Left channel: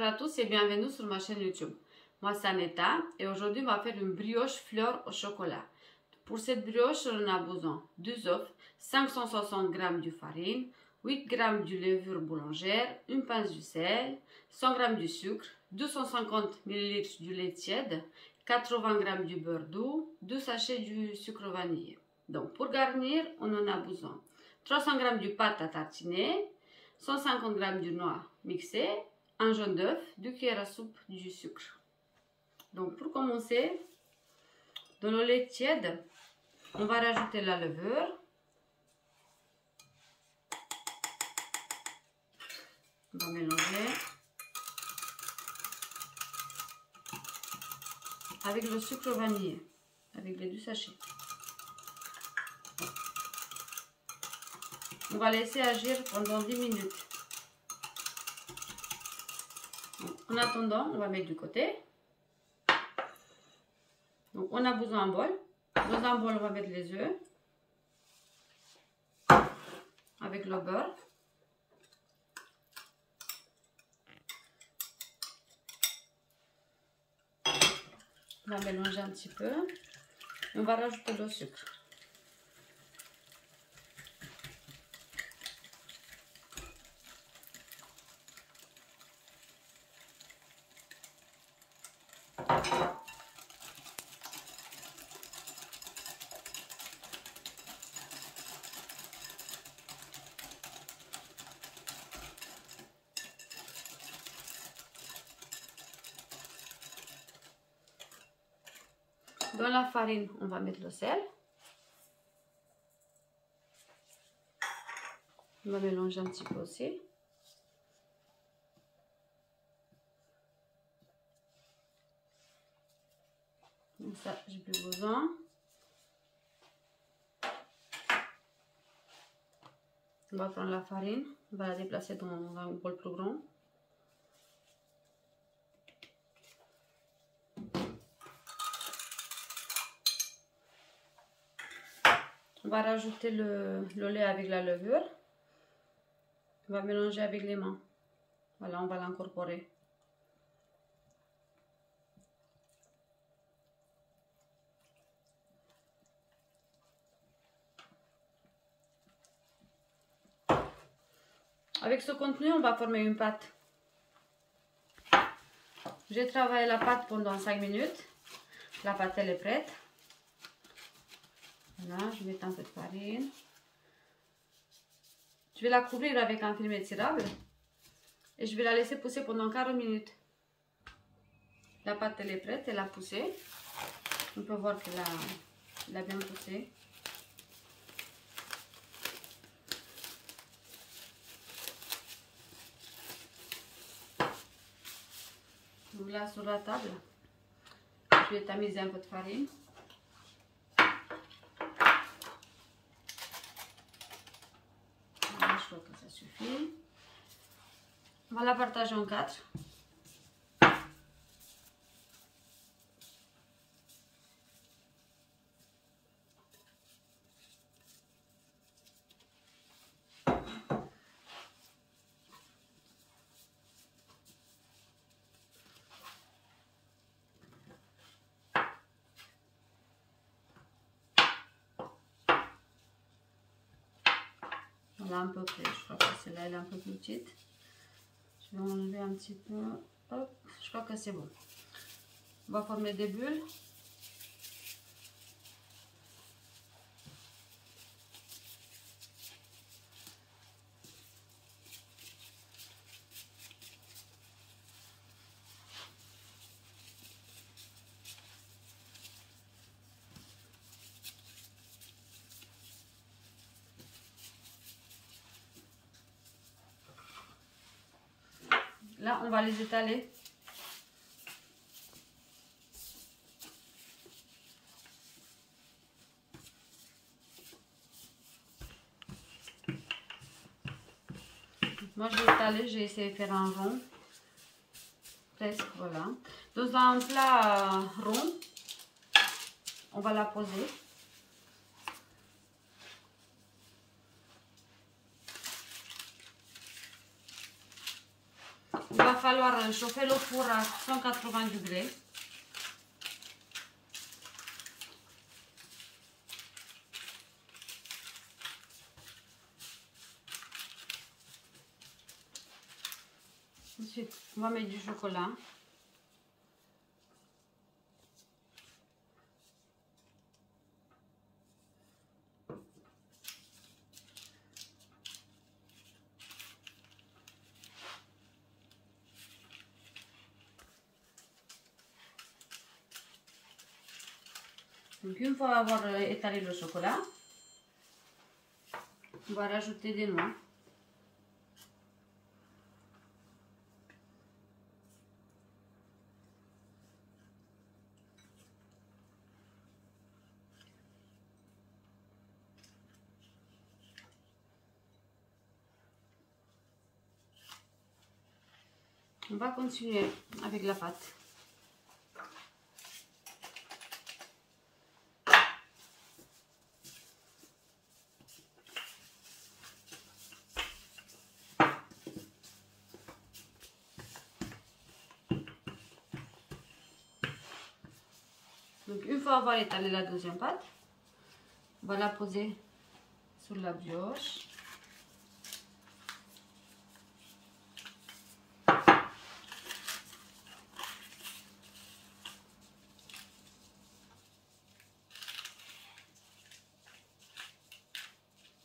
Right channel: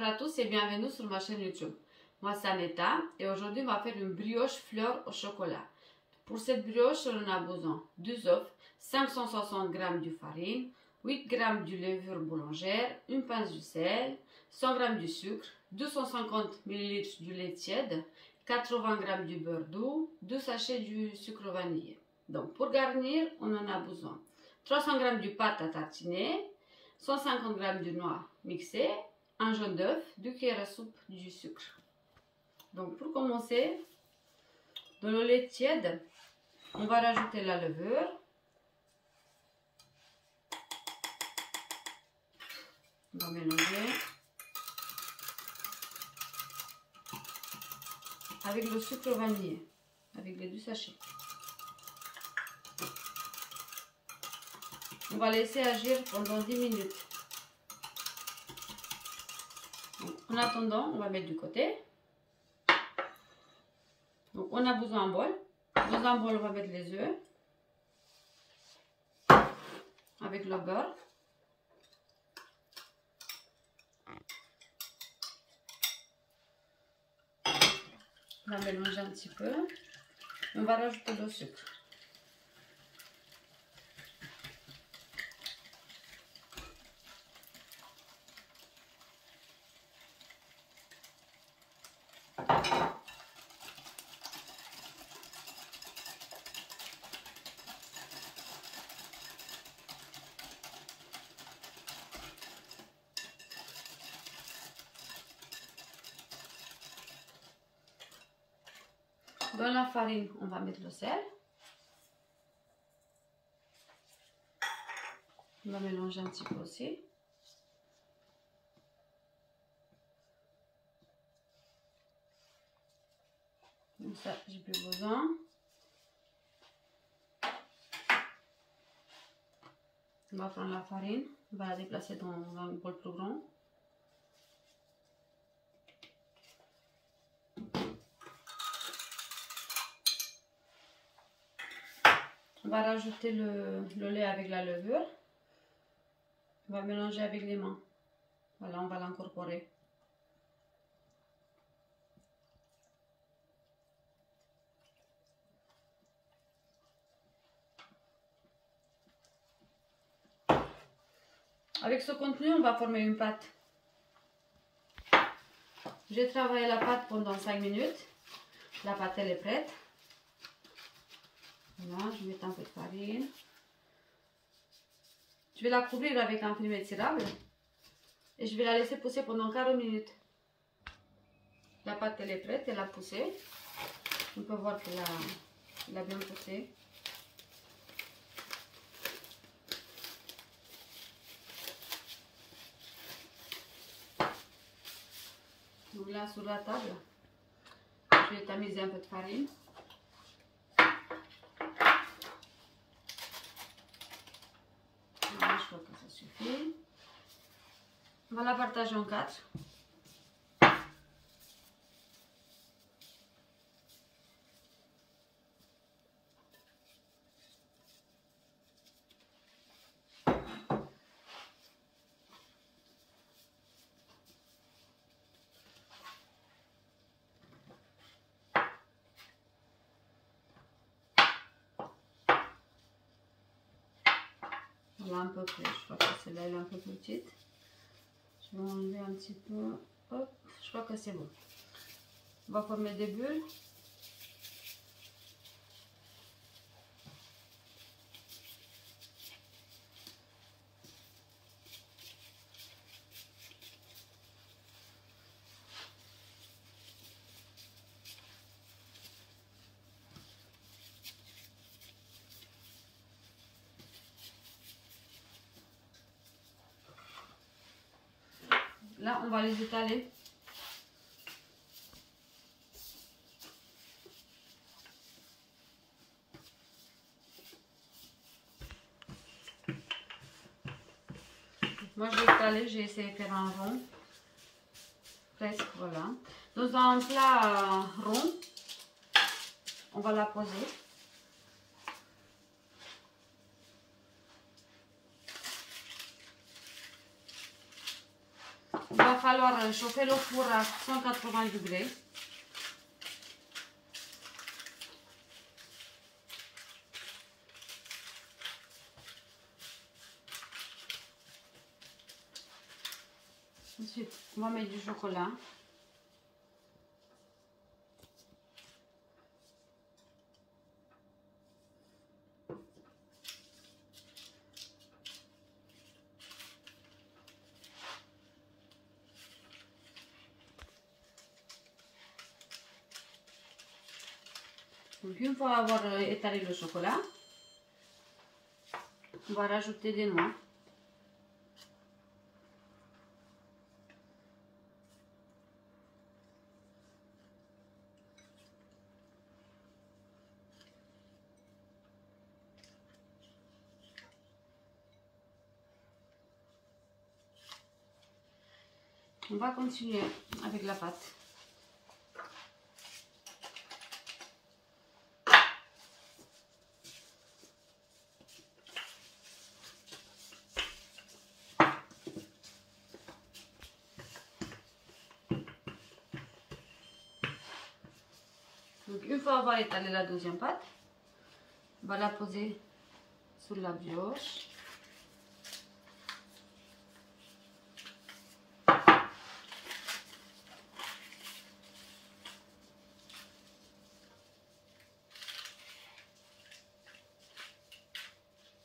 Bonjour à tous et bienvenue sur ma chaîne YouTube. Moi c'est Aneta et aujourd'hui on va faire une brioche fleur au chocolat. Pour cette brioche on a besoin de 2 œufs, 560 g de farine, 8 g de levure boulangère, une pince de sel, 100 g de sucre, 250 ml de lait tiède, 80 g de beurre doux, 2 sachets de sucre vanillé. Donc pour garnir on en a besoin 300 g de pâte à tartiner, 150 g de noix mixées, un jaune d'œuf, 2 cuillères à soupe du sucre. Donc pour commencer, dans le lait tiède, on va rajouter la levure. On va mélanger avec le sucre vanillé, avec les 2 sachets. On va laisser agir pendant 10 minutes. Donc, en attendant, on va mettre du côté. Donc, on a besoin d'un bol. Dans un bol, on va mettre les œufs avec le beurre. On va mélanger un petit peu. Et on va rajouter le sucre. Dans la farine, on va mettre le sel. On va mélanger un petit peu aussi. Donc ça, j'ai plus besoin. On va prendre la farine, on va la déplacer dans un bol plus grand. On va rajouter le lait avec la levure. On va mélanger avec les mains. Voilà, on va l'incorporer. Avec ce contenu, on va former une pâte. J'ai travaillé la pâte pendant 5 minutes. La pâte, elle est prête. Voilà, je mets un peu de farine. Je vais la couvrir avec un film étirable. Et je vais la laisser pousser pendant 40 minutes. La pâte, elle est prête, elle a poussé. On peut voir qu'elle a bien poussé. Donc là, sur la table, je vais tamiser un peu de farine. Voilà, je crois que ça suffit. On va la partager en 4. Voilà, un peu plus. Je crois que celle-là elle est un peu plus petite. Je vais enlever un petit peu. Hop, je crois que c'est bon. On va former des bulles. Là, on va les étaler. Moi, j'ai étalé, j'ai essayé de faire un rond. Presque, voilà. Dans un plat rond, on va la poser. il va falloir chauffer le four à 180 degrés. Ensuite, on va mettre du chocolat. Donc une fois avoir étalé le chocolat, on va rajouter des noix. On va continuer avec la pâte. Donc une fois avoir étalé la deuxième pâte, on va la poser sur la brioche.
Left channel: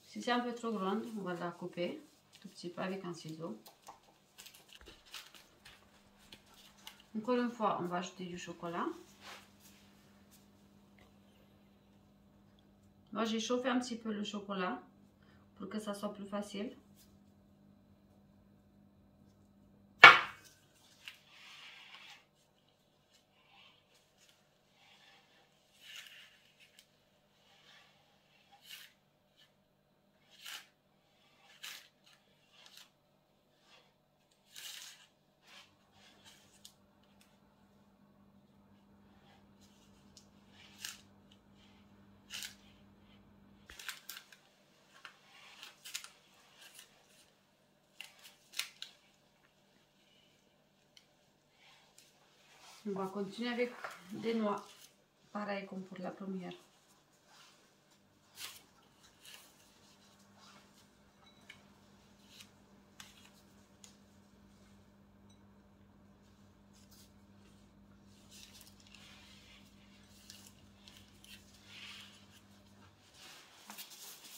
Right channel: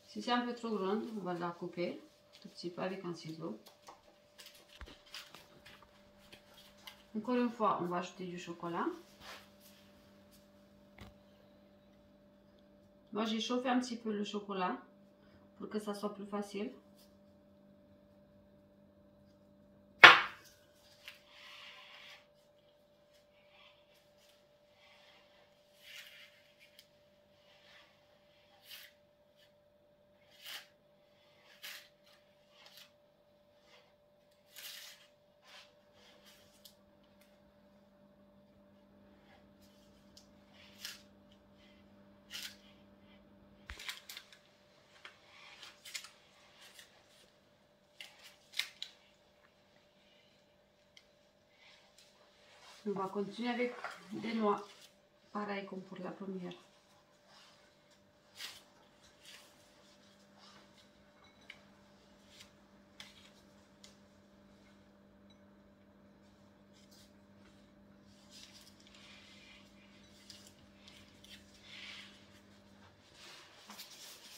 Si c'est un peu trop grande, on va la couper tout petit peu avec un ciseau. Encore une fois, on va ajouter du chocolat. Moi, j'ai chauffé un petit peu le chocolat pour que ça soit plus facile. On va continuer avec des noix, pareil comme pour la première.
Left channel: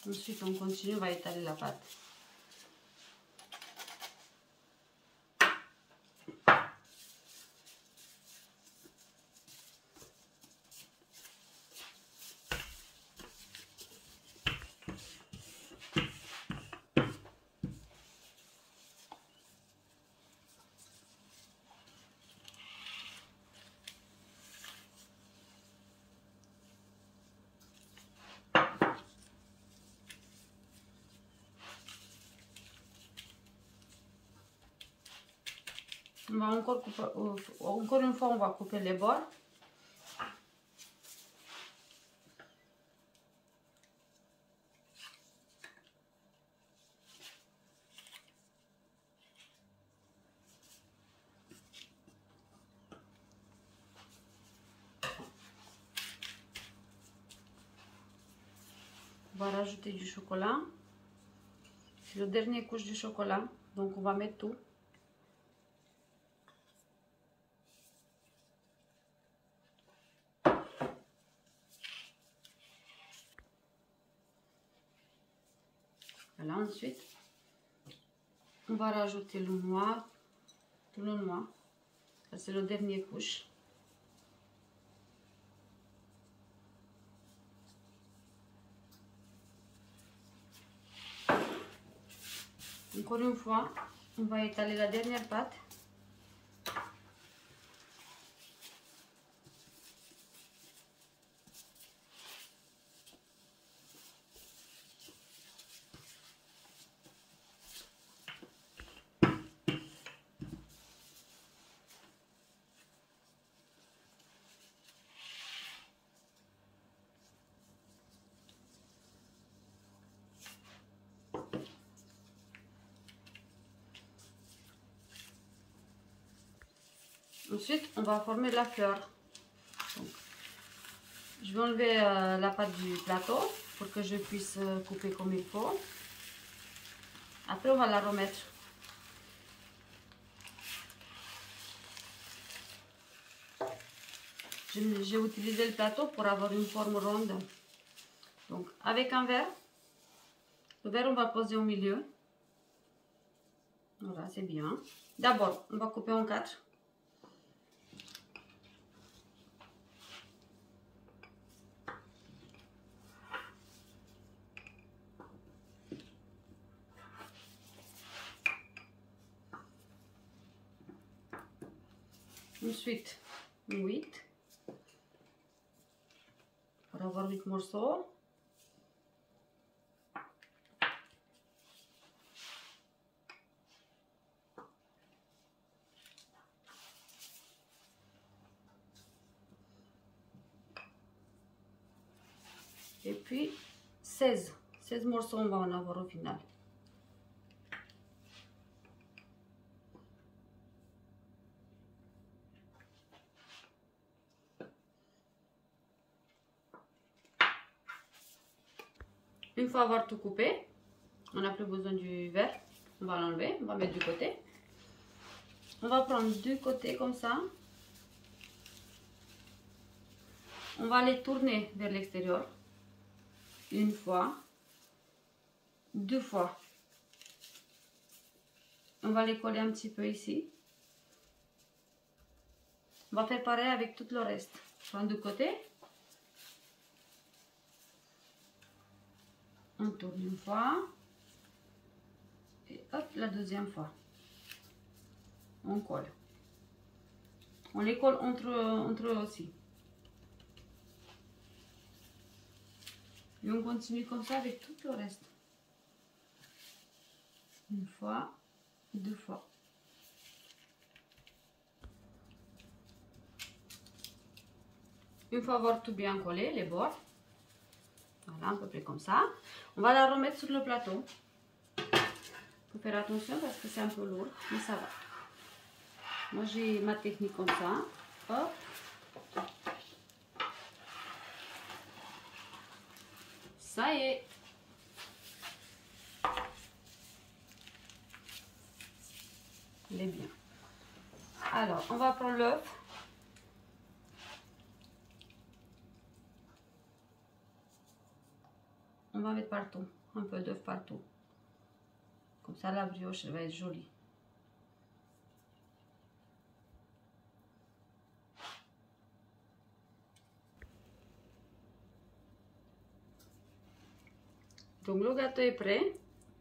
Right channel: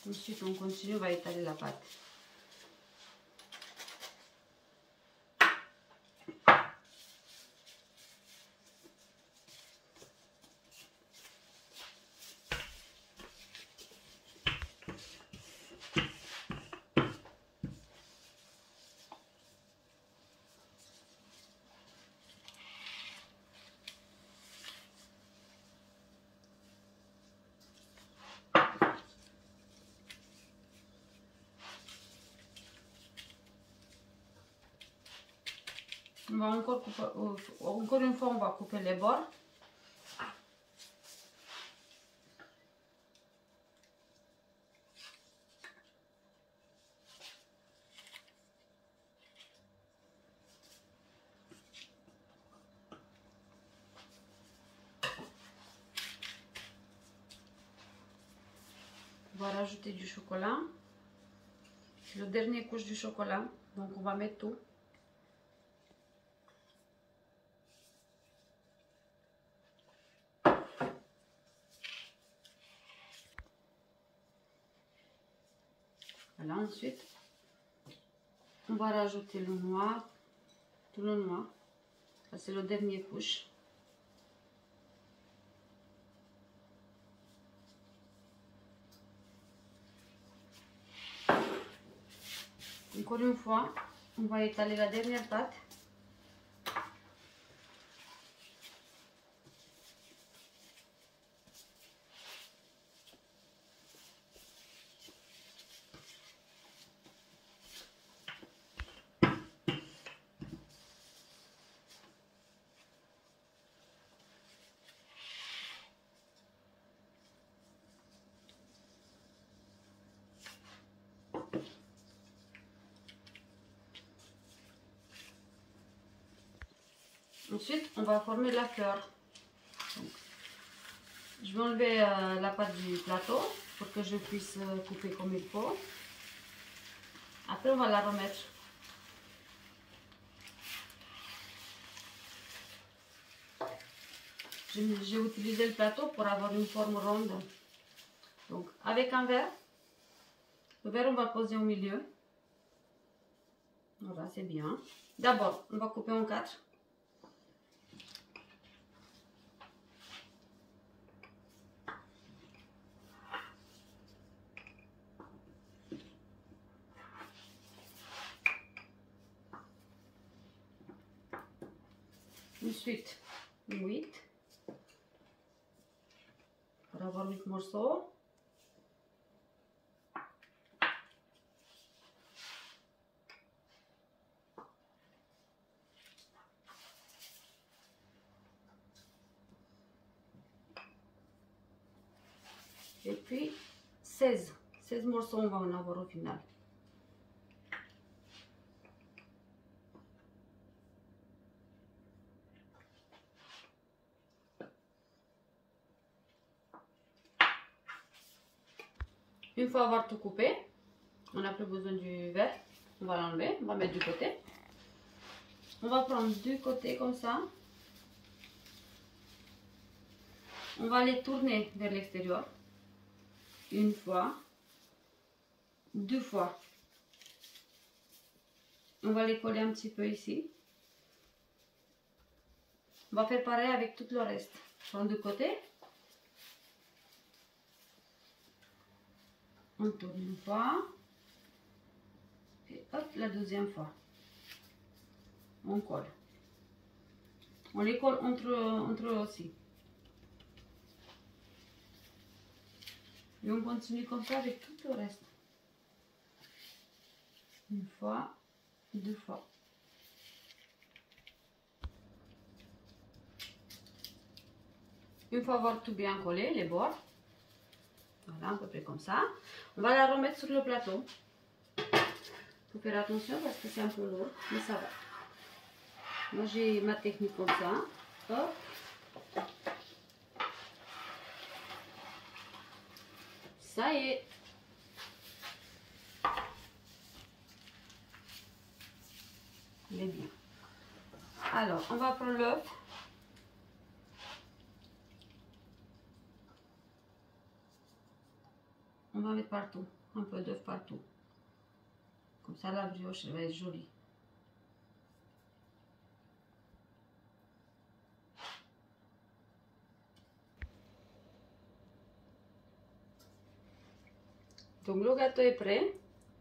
Ensuite, on continue, on va étaler la pâte. On va encore couper, encore une fois, on va couper les bords. On va rajouter du chocolat. C'est le dernier couche du chocolat, donc on va mettre tout. Voilà, ensuite, on va rajouter le noix, tout le noix. Ça, c'est le dernier couche. Encore une fois, on va étaler la dernière pâte. Ensuite, on va former la fleur. Donc, je vais enlever la pâte du plateau pour que je puisse couper comme il faut. Après, on va la remettre. J'ai utilisé le plateau pour avoir une forme ronde. Donc, avec un verre, le verre, on va poser au milieu. Voilà, c'est bien. D'abord, on va couper en 4. Ensuite, 8. Pour avoir 8 morceaux. Et puis 16 morceaux on va en avoir au final. Une fois avoir tout coupé, on n'a plus besoin du verre, on va l'enlever, on va mettre du côté. On va prendre du côté comme ça. On va les tourner vers l'extérieur. Une fois, 2 fois. On va les coller un petit peu ici. On va faire pareil avec tout le reste. Prendre du côté. On tourne une fois. Et hop, la deuxième fois. On colle. On les colle entre eux aussi. Et on continue comme ça avec tout le reste. Une fois, 2 fois. Une fois avoir tout bien collé, les bords, voilà, à peu près comme ça, on va la remettre sur le plateau. Il faut faire attention parce que c'est un peu lourd, mais ça va. Moi, j'ai ma technique comme ça. Hop. Ça y est. Il est bien. Alors, on va prendre l'œuf. On va mettre partout, un peu d'œuf partout. Comme ça, la brioche, elle va être jolie. Donc, le gâteau est prêt.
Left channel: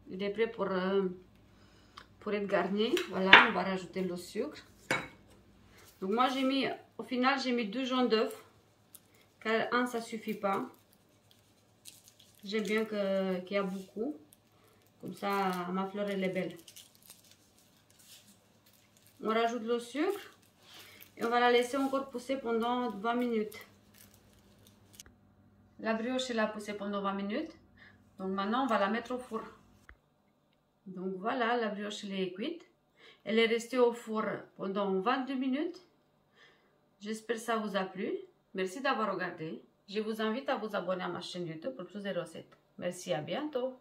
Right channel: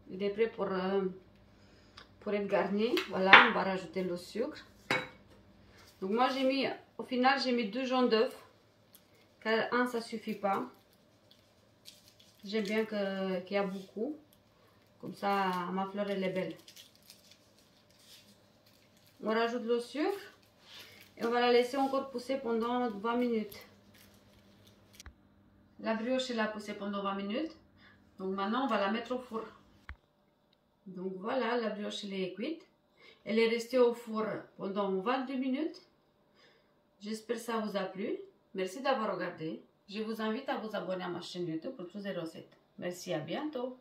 Il est prêt pour être garni. Voilà, on va rajouter le sucre. Donc, moi, j'ai mis, au final, j'ai mis 2 jaunes d'œufs. Car un, ça suffit pas. J'aime bien qu'il y a beaucoup. Comme ça, ma fleur, elle est belle. On rajoute le sucre. Et on va la laisser encore pousser pendant 20 minutes. La brioche, elle a poussé pendant 20 minutes. Donc maintenant, on va la mettre au four. Donc voilà, la brioche, elle est cuite. Elle est restée au four pendant 22 minutes. J'espère que ça vous a plu. Merci d'avoir regardé. Je vous invite à vous abonner à ma chaîne YouTube pour plus de recettes. Merci, à bientôt.